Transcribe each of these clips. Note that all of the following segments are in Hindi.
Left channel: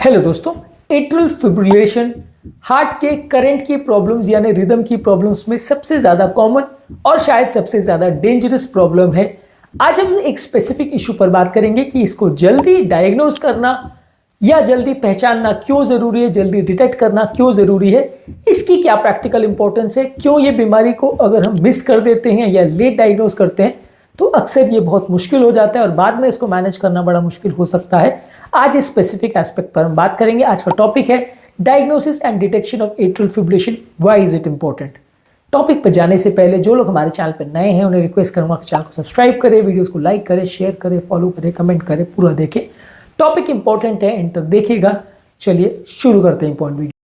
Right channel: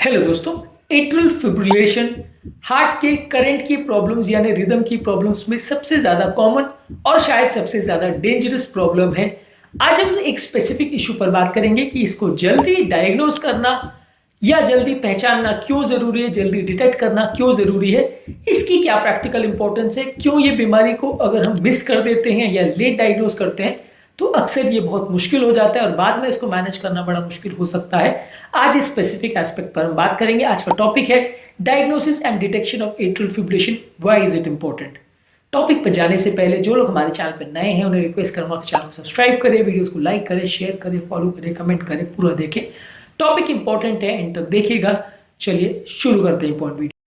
हेलो दोस्तों, एट्रियल फिब्रिलेशन हार्ट के करंट की प्रॉब्लम्स यानी रिदम की प्रॉब्लम्स में सबसे ज्यादा कॉमन और शायद सबसे ज्यादा डेंजरस प्रॉब्लम है। आज हम एक स्पेसिफिक इशू पर बात करेंगे कि इसको जल्दी डायग्नोज करना या जल्दी पहचानना क्यों जरूरी है, जल्दी डिटेक्ट करना क्यों जरूरी है, इसकी क्या प्रैक्टिकल इंपॉर्टेंस है, क्यों ये बीमारी को अगर हम मिस कर देते हैं या लेट डायग्नोज करते हैं तो अक्सर ये बहुत मुश्किल हो जाता है और बाद में इसको मैनेज करना बड़ा मुश्किल हो सकता है। आज इस स्पेसिफिक एस्पेक्ट पर हम बात करेंगे। आज का टॉपिक है diagnosis and detection of atrial fibrillation, why is it important. Topic पर जाने से पहले जो लोग हमारे चैनल पर नए हैं उन्हें रिक्वेस्ट करूंगा कि चैनल को सब्सक्राइब करें, वीडियोस को लाइक करें, शेयर करें, फॉलो करें, कमेंट करें, पूरा देखें। टॉपिक इंपॉर्टेंट है, इन तक देखिएगा। चलिए शुरू करते हैं इंपॉर्टेंट वीडियो।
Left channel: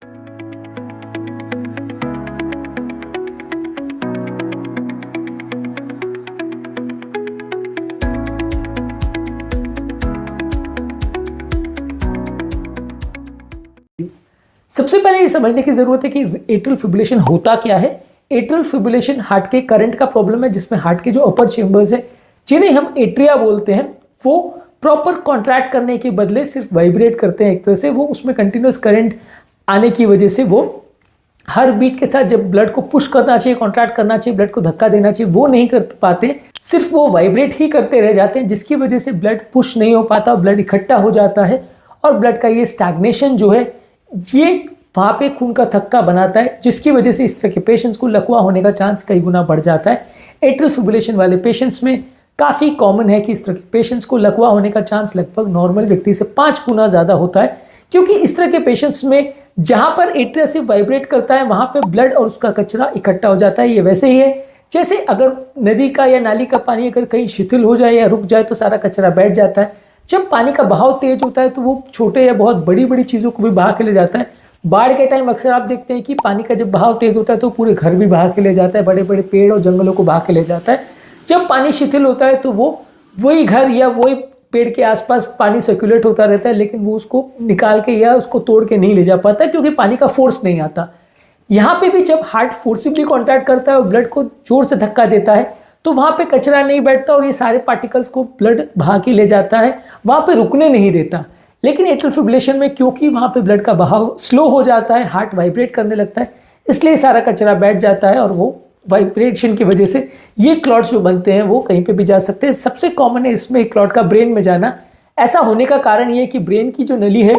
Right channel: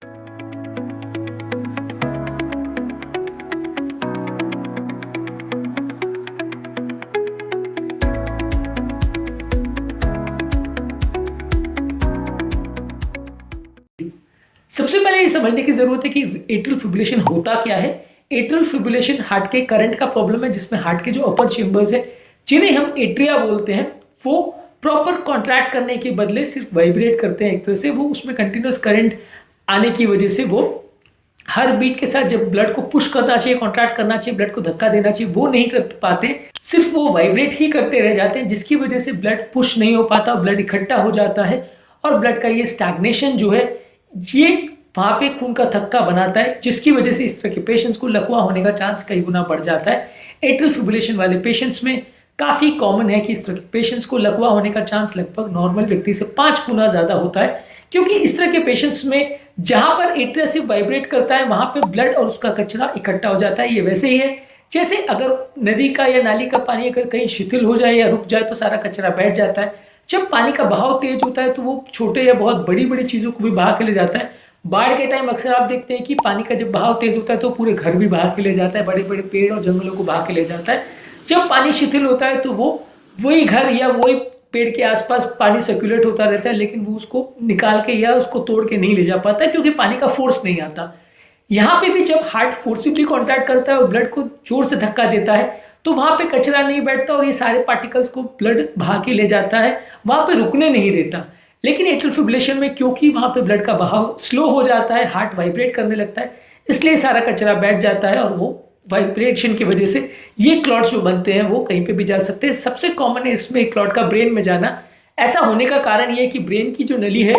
सबसे पहले ये समझने की जरूरत है कि एट्रियल फिब्रिलेशन होता क्या है। एट्रियल फिब्रिलेशन हार्ट के करंट का प्रॉब्लम है जिसमें हार्ट के जो अपर चेंबर्स है जिन्हें हम एट्रिया बोलते हैं वो प्रॉपर कॉन्ट्रैक्ट करने के बदले सिर्फ वाइब्रेट करते हैं। एक तरह से वो उसमें कंटिन्यूस करंट आने की वजह से वो हर बीट के साथ जब ब्लड को पुश करना चाहिए, कॉन्ट्रैक्ट करना चाहिए, ब्लड को धक्का देना चाहिए, वो नहीं कर पाते, सिर्फ वो वाइब्रेट ही करते रह जाते हैं, जिसकी वजह से ब्लड पुश नहीं हो पाता, ब्लड इकट्ठा हो जाता है और ब्लड का ये स्टैग्नेशन जो है ये वहां पे खून का थक्का बनाता है, जिसकी वजह से इस तरह के पेशेंट्स को लकवा होने का चांस कई गुना बढ़ जाता है। एट्रियल फिब्रिलेशन वाले पेशेंट्स में काफी कॉमन है कि इस तरह के पेशेंट्स को लकवा होने का चांस लगभग नॉर्मल व्यक्ति से 5 गुना ज्यादा होता है, क्योंकि इस तरह के पेशेंट्स में जहां पर एट्रिया सिर्फ वाइब्रेट करता है वहां पर ब्लड और उसका कचरा इकट्ठा हो जाता है। ये वैसे ही है जैसे अगर नदी का या नाली का पानी अगर कहीं शिथिल हो जाए या रुक जाए तो सारा कचरा बैठ जाता है। जब पानी का बहाव तेज होता है तो वो छोटे या बहुत बड़ी बड़ी चीजों को भी बहा के ले जाता है। बाढ़ के टाइम अक्सर आप देखते हैं कि पानी का जब बहाव तेज होता है तो पूरे घर भी बहा के ले जाता है, बड़े बड़े पेड़ और जंगलों को बहा के ले जाता है। जब पानी शिथिल होता है तो वो वही घर या वही पेड़ के आसपास पानी सर्कुलेट होता रहता है, लेकिन वो उसको निकाल के या उसको तोड़ के नहीं ले जा पाता क्योंकि पानी का फोर्स नहीं आता। यहाँ पे भी जब हार्ट फोर्सिबली कॉन्टैक्ट करता है और ब्लड को जोर से धक्का देता है तो वहां पे कचरा नहीं बैठता और ये सारे पार्टिकल्स को ब्लड बहा के ले जाता है, वहां पे रुकने नहीं देता। लेकिन एट्रियल फिब्रिलेशन में क्योंकि वहां पे ब्लड का बहाव स्लो हो जाता है, हार्ट वाइब्रेट करने लगता है, इसलिए सारा कचरा बैठ जाता है और वो वाइब्रेशन की वजह से ये क्लॉट्स जो बनते हैं वो कहीं पे भी जा सकते हैं। सबसे कॉमन है इसमें एक क्लॉट का ब्रेन में जाना। ऐसा होने का कारण ये है कि ब्रेन की जो नली है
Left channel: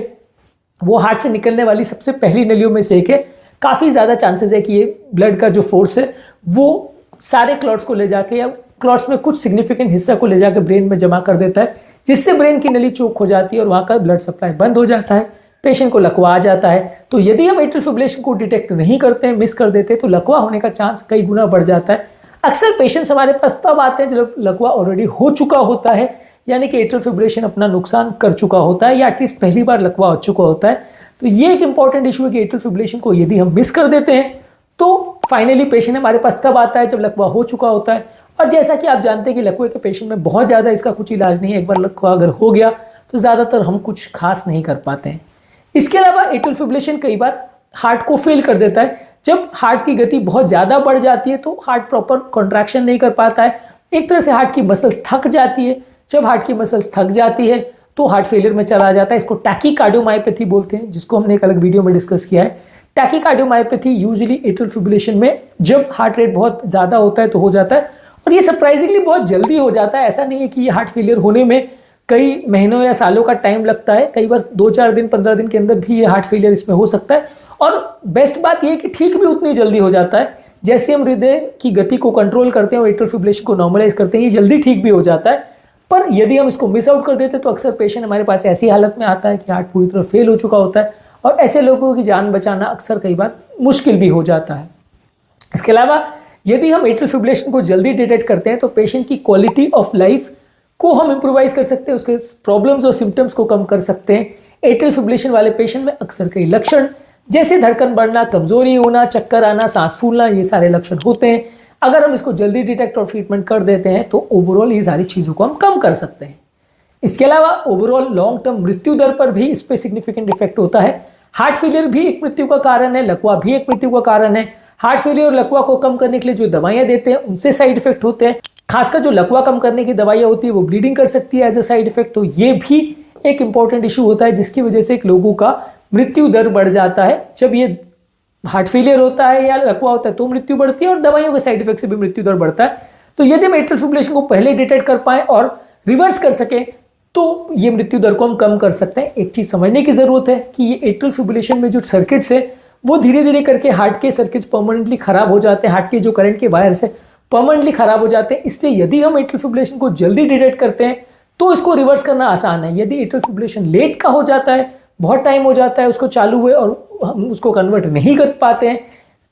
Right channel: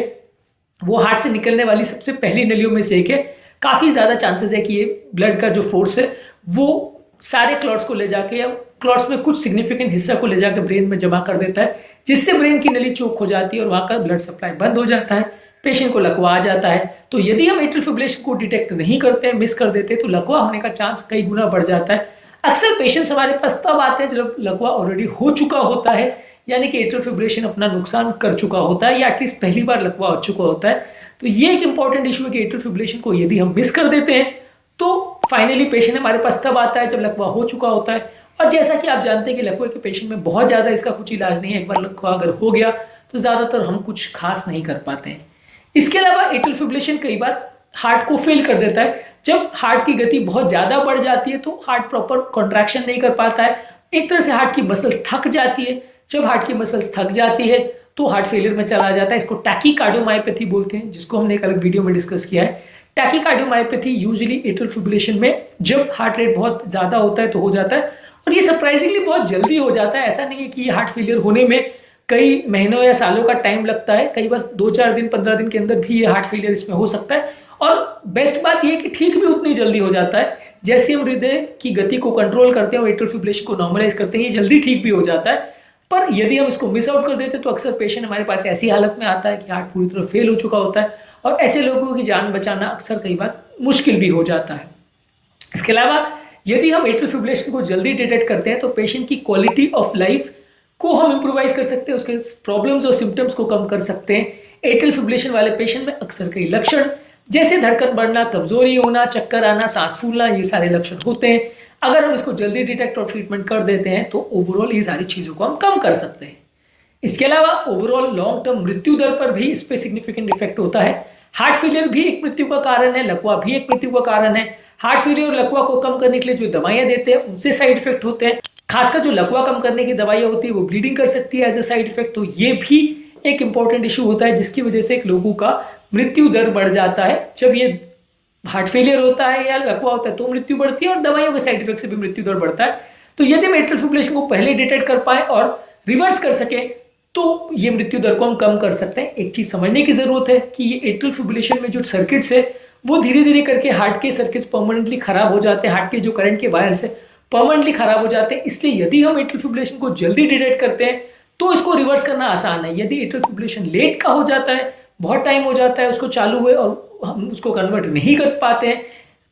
वो हार्ट से निकलने वाली सबसे पहली नलियों में से एक है। काफी ज्यादा चांसेस है कि ये ब्लड का जो फोर्स है वो सारे क्लॉट्स को ले जाके या क्लॉट्स में कुछ सिग्निफिकेंट हिस्सा को ले जाकर ब्रेन में जमा कर देता है, जिससे ब्रेन की नली चोक हो जाती है और वहां का ब्लड सप्लाई बंद हो जाता है, पेशेंट को लकवा आ जाता है। तो यदि हम एट्रियल फिब्रिलेशन को डिटेक्ट नहीं करते हैं, मिस कर देते हैं, तो लकवा होने का चांस कई गुना बढ़ जाता है। अक्सर पेशेंट्स हमारे पास तब आते हैं जब लकवा ऑलरेडी हो चुका होता है, यानी कि एट्रियल फिब्रिलेशन अपना नुकसान कर चुका होता है या एटलीस्ट पहली बार लकवा हो चुका होता है। तो ये एक इंपॉर्टेंट इशू है कि एट्रियल फिब्रिलेशन को यदि हम मिस कर देते हैं तो फाइनली पेशेंट हमारे पास तब आता है जब लकवा हो चुका होता है। और जैसा कि आप जानते हैं कि लकवे के पेशेंट में बहुत ज़्यादा इसका कुछ इलाज नहीं है। एक बार लकवा अगर हो गया तो ज़्यादातर हम कुछ खास नहीं कर पाते हैं। इसके अलावा एट्रियल फिब्रिलेशन कई बार हार्ट को फेल कर देता है। जब हार्ट की गति बहुत ज़्यादा बढ़ जाती है तो हार्ट प्रॉपर कॉन्ट्रैक्शन नहीं कर पाता है, एक तरह से हार्ट की मसल्स थक जाती है। जब हार्ट की मसल्स थक जाती है तो हार्ट फेलियर में चला जाता है। इसको टैकीकार्डियोमायोपैथी बोलते हैं, जिसको हमने एक अलग वीडियो में डिस्कस किया है। टैकीकार्डियोमायोपैथी यूजुअली एट्रियल फिब्रिलेशन में जब हार्ट रेट बहुत ज़्यादा होता है तो हो जाता है और ये सरप्राइजिंगली बहुत जल्दी हो जाता है। ऐसा नहीं है कि ये हार्ट फेलियर होने में कई महीनों या सालों का टाइम लगता है, कई बार 2-4 दिन 15 दिन के अंदर भी ये हार्ट फेलियर इसमें हो सकता है। और बेस्ट बात ये कि ठीक भी उतनी जल्दी हो जाता है। जैसे हम हृदय की गति को कंट्रोल करते हैं और एट्रियल फिब्रिलेशन को नॉर्मलाइज करते हैं, ये जल्दी ठीक भी हो जाता है। पर यदि हम इसको मिस आउट कर देते तो अक्सर पेशेंट हमारे पास ऐसी हालत में आता है कि हार्ट पूरी तरह फेल हो चुका होता है और ऐसे लोगों की जान बचाना अक्सर कई बार मुश्किल भी हो जाता है। इसके अलावा यदि हम एट्रियल फिब्रिलेशन को जल्दी डिटेक्ट करते हैं तो पेशेंट की क्वालिटी ऑफ लाइफ को हम इंप्रूवाइज कर सकते हैं, उसके प्रॉब्लम्स और सिम्टम्स को कम कर सकते हैं। एट्रियल फिब्रिलेशन वाले पेशेंट में अक्सर कई लक्षण जैसे धड़कन बढ़ना, कमजोरी होना, चक्कर आना, सांस फूलना, ये सारे लक्षण होते हैं। अगर हम इसको जल्दी डिटेक्ट और ट्रीटमेंट कर देते हैं तो ओवरऑल ये सारी चीज़ों को हम कम कर सकते हैं। इसके अलावा ओवरऑल लॉन्ग टर्म मृत्यु दर पर भी इस पर सिग्निफिकेंट इफेक्ट होता है। हार्ट फेलियर भी एक मृत्यु का कारण है, लकवा भी एक मृत्यु का कारण है। हार्ट फेलियर और लकवा को कम करने के लिए जो दवाइयां देते हैं उनसे साइड इफेक्ट होते हैं। खासकर जो लकवा कम करने की दवाइयां होती है वो ब्लीडिंग कर सकती है एज ए साइड इफेक्ट, तो ये भी एक इंपॉर्टेंट इशू होता है जिसकी वजह से एक लोगों का मृत्यु दर बढ़ जाता है। जब ये हार्ट फेलियर होता है या लकवा होता है तो मृत्यु बढ़ती है और दवाइयों के साइड इफेक्ट से भी मृत्यु दर बढ़ता है। तो यदि हम एट्रियल फिब्रिलेशन को पहले डिटेक्ट कर पाए और रिवर्स कर सके तो ये मृत्यु दर को हम कम कर सकते हैं। एक चीज समझने की जरूरत है कि ये एट्रियल फिब्रिलेशन में जो सर्किट्स है वो धीरे धीरे करके हार्ट के सर्किट्स परमानेंटली खराब हो जाते हैं, हार्ट के जो करंट के वायर्स है परमानेंटली खराब हो जाते हैं। इसलिए यदि हम एट्रियल फिब्रिलेशन को जल्दी डिटेक्ट करते हैं तो इसको रिवर्स करना आसान है। यदि एट्रियल फिब्रिलेशन लेट का हो जाता है, बहुत टाइम हो जाता है उसको चालू हुए और हम उसको कन्वर्ट नहीं कर पाते हैं,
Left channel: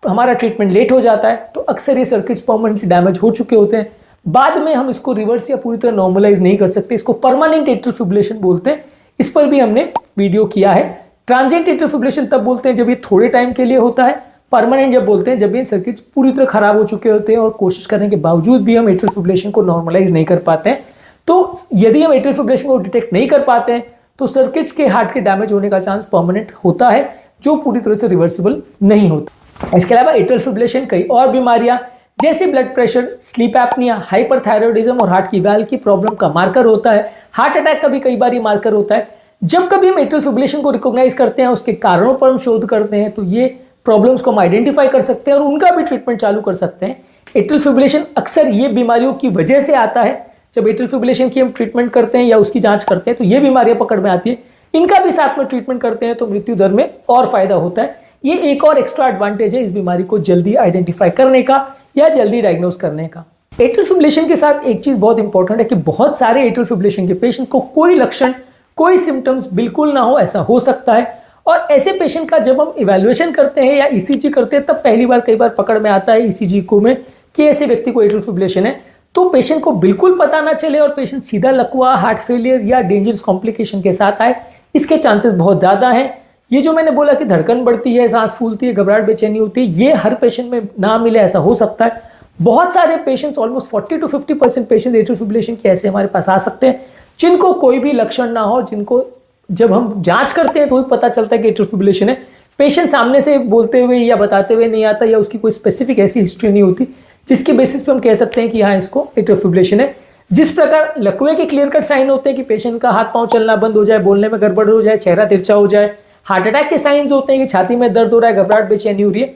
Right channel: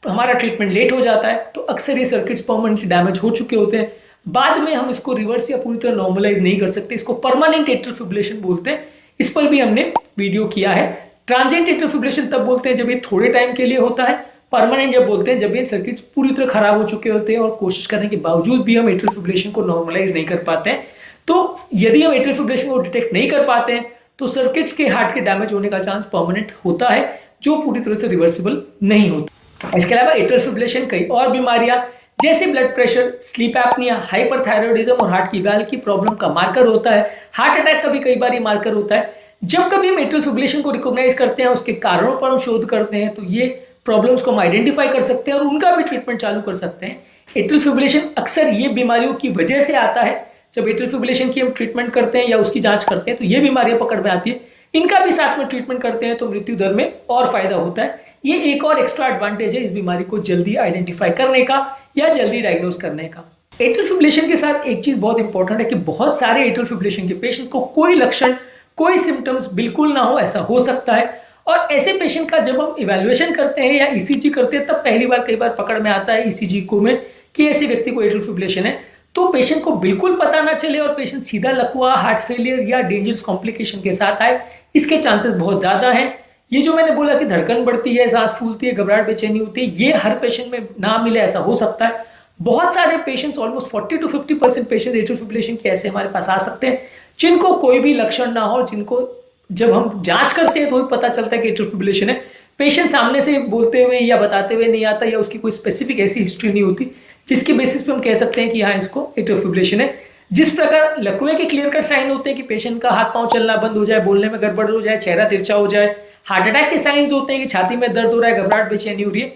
हमारा ट्रीटमेंट लेट हो जाता है, तो अक्सर ये सर्किट्स परमानेंटली डैमेज हो चुके होते हैं। बाद में हम इसको रिवर्स या पूरी तरह नॉर्मलाइज नहीं कर सकते, इसको परमानेंट एट्रियल फिब्रिलेशन बोलते हैं। इस पर भी हमने वीडियो किया है। ट्रांजिएंट एट्रियल फिब्रिलेशन तब बोलते हैं जब ये थोड़े टाइम के लिए होता है, परमानेंट जब बोलते हैं जब ये सर्किट्स पूरी तरह खराब हो चुके होते हैं और कोशिश करने के बावजूद भी हम एट्रियल फिब्रिलेशन को नॉर्मलाइज नहीं कर पाते हैं। तो यदि हम एट्रियल फिब्रिलेशन को डिटेक्ट नहीं कर पाते हैं तो सर्किट्स के हार्ट के डैमेज होने का चांस परमानेंट होता है, जो पूरी तरह से रिवर्सिबल नहीं होता। इसके अलावा एट्रियल फिब्रिलेशन कई और बीमारियां जैसे blood pressure, sleep apnoea, hyperthyroidism और हार्ट की वैल्व की प्रॉब्लम का मार्कर होता है। हार्ट अटैक का भी कई बार ये मार्कर होता है। जब कभी हम एट्रियल फिब्रिलेशन को रिकॉग्नाइज करते हैं, उसके कारणों पर हम शोध करते हैं, तो ये प्रॉब्लम्स को हम आइडेंटिफाई कर सकते हैं और उनका भी ट्रीटमेंट चालू कर सकते हैं। एट्रियल फिब्रिलेशन अक्सर ये बीमारियों की वजह से आता है। जब एट्रियल फिब्रिलेशन की हम ट्रीटमेंट करते हैं या उसकी जांच करते हैं तो ये बीमारियां पकड़ में आती है, इनका भी साथ में ट्रीटमेंट करते हैं तो मृत्यु दर में और फायदा होता है। ये एक और एक्स्ट्रा एडवांटेज है इस बीमारी को जल्दी आइडेंटिफाई करने का या जल्दी डायग्नोज करने का। एट्रियल फिब्रिलेशन के साथ एक चीज बहुत इंपॉर्टेंट है कि बहुत सारे एट्रियल फिब्रिलेशन के पेशेंट्स को कोई लक्षण, कोई सिम्टम्स बिल्कुल ना हो, ऐसा हो सकता है। और ऐसे पेशेंट का जब हम इवैल्यूएशन करते हैं या ईसीजी करते हैं तब पहली बार कई बार पकड़ में आता है ईसीजी को में कि ऐसे व्यक्ति को एट्रियल फिब्रिलेशन है। तो पेशेंट को बिल्कुल पता ना चले और पेशेंट सीधा लकवा, हार्ट फेलियर या डेंजरस कॉम्प्लिकेशन के साथ आए, इसके चांसेस बहुत ज्यादा हैं। ये जो मैंने बोला कि धड़कन बढ़ती है, सांस फूलती है, घबराहट, बेचैनी होती है, ये हर पेशेंट में ना मिले ऐसा हो सकता है। बहुत सारे patients, almost 40 to 50% patient atrial fibrillation के ऐसे हमारे पास आ सकते हैं जिनको कोई भी लक्षण ना हो, जिनको जब हम जांच करते हैं तो भी पता चलता है कि एट्रियल फिब्रिलेशन है। पेशेंट सामने से बोलते हुए या बताते हुए नहीं आता या उसकी कोई स्पेसिफिक ऐसी हिस्ट्री नहीं होती जिसकी बेसिस पे हम कह सकते हैं कि हाँ इसको एट्रियल फिब्रिलेशन है। जिस प्रकार लकवे के क्लियर कट साइन होते हैं कि पेशेंट का हाथ पांव चलना बंद हो जाए, बोलने में गड़बड़ हो जाए, चेहरा तिरछा हो जाए, हार्ट अटैक के साइंस होते हैं कि छाती में दर्द हो रहा है, घबराहट, बेचैनी हो रही है,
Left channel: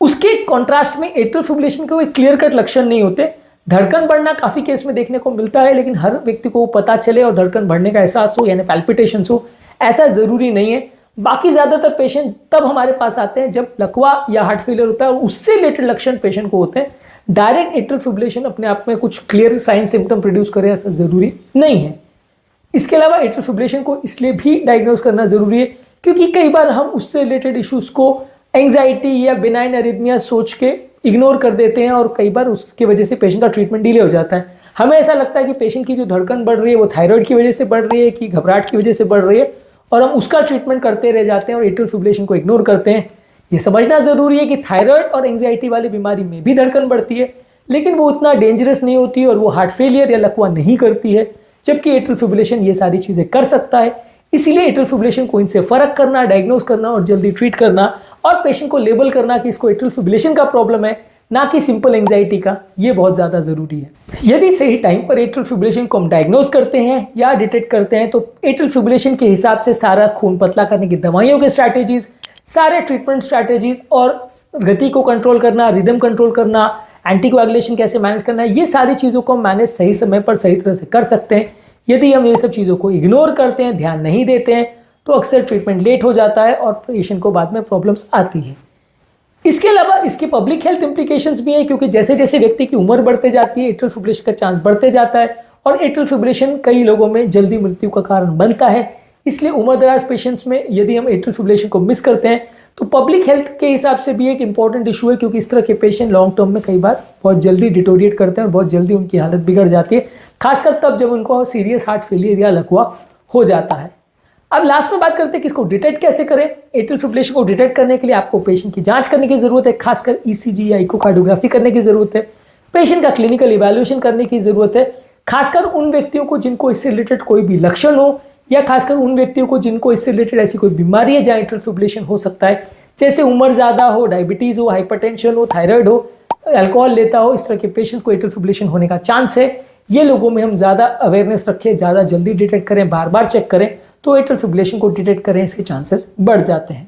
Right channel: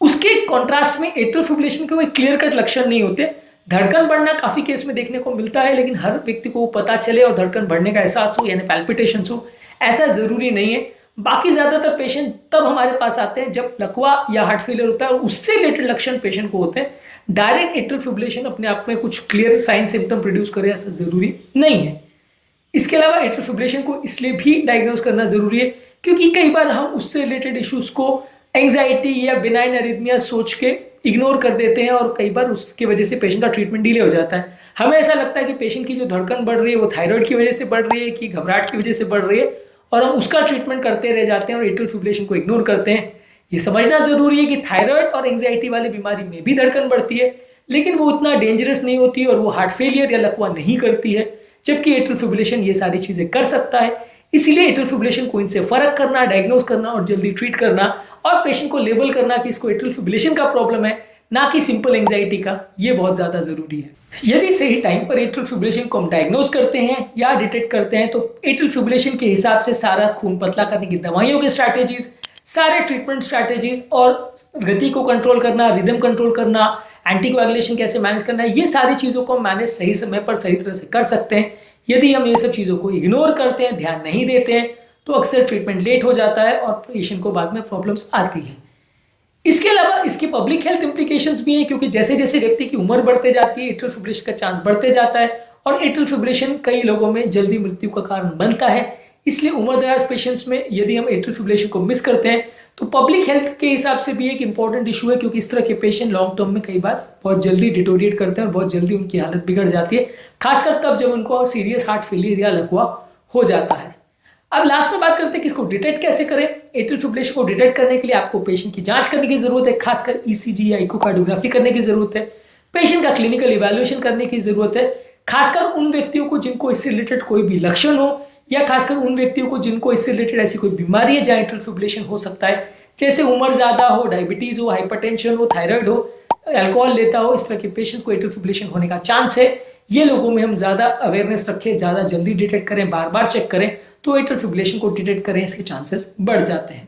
उसके कॉन्ट्रास्ट में एट्रियल फिब्रिलेशन के कोई क्लियर कट लक्षण नहीं होते। धड़कन बढ़ना काफी केस में देखने को मिलता है, लेकिन हर व्यक्ति को पता चले और धड़कन बढ़ने का एहसास हो यानी पैल्पिटेशंस हो, ऐसा जरूरी नहीं है। बाकी ज्यादातर पेशेंट तब हमारे पास आते हैं जब लकवा या हार्ट फेलियर होता है और उससे रिलेटेड लक्षण पेशेंट को होते हैं। डायरेक्ट एट्रियल फिब्रिलेशन अपने आप में कुछ क्लियर साइन सिम्टम प्रोड्यूस करे ऐसा जरूरी नहीं है। इसके अलावा एट्रियल फिब्रिलेशन को इसलिए भी डायग्नोज करना जरूरी है क्योंकि कई बार हम उससे रिलेटेड इश्यूज को एंग्जाइटी या बिनाइन एरिथमिया सोच के इग्नोर कर देते हैं और कई बार उसकी वजह से पेशेंट का ट्रीटमेंट डिले हो जाता है। हमें ऐसा लगता है कि पेशेंट की जो धड़कन बढ़ रही है वो थायराइड की वजह से बढ़ रही है कि घबराहट की वजह से बढ़ रही है और हम उसका ट्रीटमेंट करते रह जाते हैं और एट्रियल फिब्रिलेशन को इग्नोर करते हैं। ये समझना जरूरी है कि थायराइड और एंग्जाइटी वाली बीमारी में भी धड़कन बढ़ती है, लेकिन वो उतना डेंजरस नहीं होती और वो हार्ट फेलियर या लकवा नहीं करती है, जबकि एट्रियल फिब्रिलेशन ये सारी चीजें कर सकता है। इसीलिए एट्रियल फिब्रिलेशन को इनसे फर्क करना, डायग्नोज करना और जल्दी ट्रीट करना और पेशेंट को लेबल करना कि इसको एट्रियल फिब्रिलेशन का प्रॉब्लम है, ना कि सिंपल एंग्जाइटी का, ये बहुत ज्यादा जरूरी है। यदि सही टाइम पर एट्रियल फिब्रिलेशन को हम डायग्नोज करते हैं या डिटेक्ट करते हैं तो एट्रियल फिब्रिलेशन के हिसाब से सारा खून पतला करने की दवाइयों के स्ट्रैटेजीज, सारे ट्रीटमेंट स्ट्रैटेजीज और गति को कंट्रोल करना, रिदम कंट्रोल करना, एंटीकोएगुलेशन कैसे मैनेज करना, ये सारी चीजों को मैनेज सही समय पर सही तरह से कर सकते हैं। यदि हम ये सब चीजों को इग्नोर करते हैं, ध्यान नहीं देते हैं, तो अक्सर ट्रीटमेंट लेट हो जाता है और पेशेंट को बाद में प्रॉब्लम्स आती है। इसके अलावा इसके पब्लिक हेल्थ इंप्लीकेशंस भी हैं क्योंकि जैसे जैसे व्यक्ति की उम्र बढ़ते जाती है एट्रियल फिब्रिलेशन का चांस बढ़ते जाता है और एट्रियल फिब्रिलेशन कई लोगों में जल्दी मृत्यु का कारण बनता है। इसलिए उम्रदराज पेशेंट्स में यदि हम एट्रियल फिब्रिलेशन को मिस करते हैं तो पब्लिक हेल्थ के हिसाब से भी एक इंपॉर्टेंट इशू है क्योंकि इस तरह के पेशेंट लॉन्ग टर्म में कई बार बहुत जल्दी डिटोरिएट करते हैं और बहुत जल्दी उनकी हालत बिगड़ जाती है, खासकर तब जब उनको सीरियस हार्ट फेलियर या लकवा हो जाता है। अब लास्ट में बात करते हैं कि इसको डिटेक्ट कैसे करें। एट्रियल फिब्रिलेशन को डिटेक्ट करने के लिए आपको पेशेंट की जांच करने की जरूरत है, खासकर ईसीजी या इकोकार्डियोग्राफी करने की जरूरत है। पेशेंट का क्लिनिकल इवैल्यूएशन करने की जरूरत है, खासकर उन व्यक्तियों को जिनको इससे रिलेटेड कोई भी लक्षण हो या खासकर उन व्यक्तियों को जिनको इससे रिलेटेड ऐसी कोई बीमारी है जहाँ एट्रियल फिब्रिलेशन हो सकता है, जैसे उम्र ज्यादा हो, डायबिटीज हो, हाइपरटेंशन हो, थायराइड हो, अल्कोहल लेता हो, इस तरह के पेशेंट को एट्रियल फिब्रिलेशन होने का चांस है। ये लोगों में हम ज्यादा अवेयरनेस रखें, ज्यादा जल्दी डिटेक्ट करें, बार बार चेक करें, तो एट्रियल फिब्रिलेशन को डिटेक्ट करें इसके चांसेस बढ़ जाते हैं।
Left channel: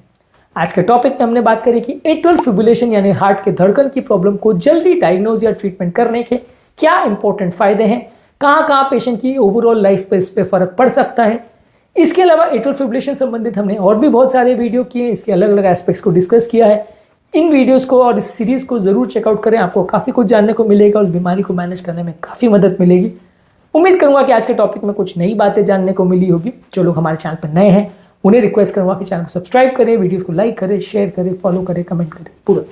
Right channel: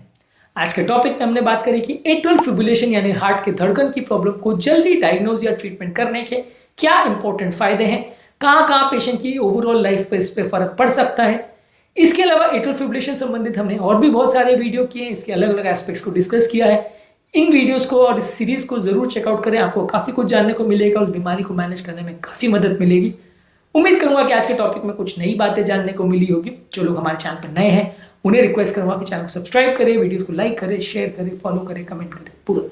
आज के टॉपिक में हमने बात करी कि एट्रियल फिब्रिलेशन यानी हार्ट के धड़कन की प्रॉब्लम को जल्दी डायग्नोज या ट्रीटमेंट करने के क्या इंपॉर्टेंट फायदे हैं, कहाँ कहाँ पेशेंट की ओवरऑल लाइफ पे इस पे फर्क पड़ सकता है। इसके अलावा एट्रियल फिब्रिलेशन संबंधित हमने और भी बहुत सारे वीडियो किए, इसके अलग अलग एस्पेक्ट्स को डिस्कस किया है। इन वीडियोस को और इस सीरीज को जरूर चेकआउट करें, आपको काफी कुछ जानने को मिलेगा और इस बीमारी को मैनेज करने में काफी मदद मिलेगी। उम्मीद करूंगा कि आज के टॉपिक में कुछ नई बातें जानने को मिली होगी। जो लोग हमारे चैनल पर नए हैं उन्हें रिक्वेस्ट करूंगा कि चैनल को सब्सक्राइब करें, वीडियोस को लाइक करें, शेयर करें, फॉलो करें, कमेंट करें पूरा।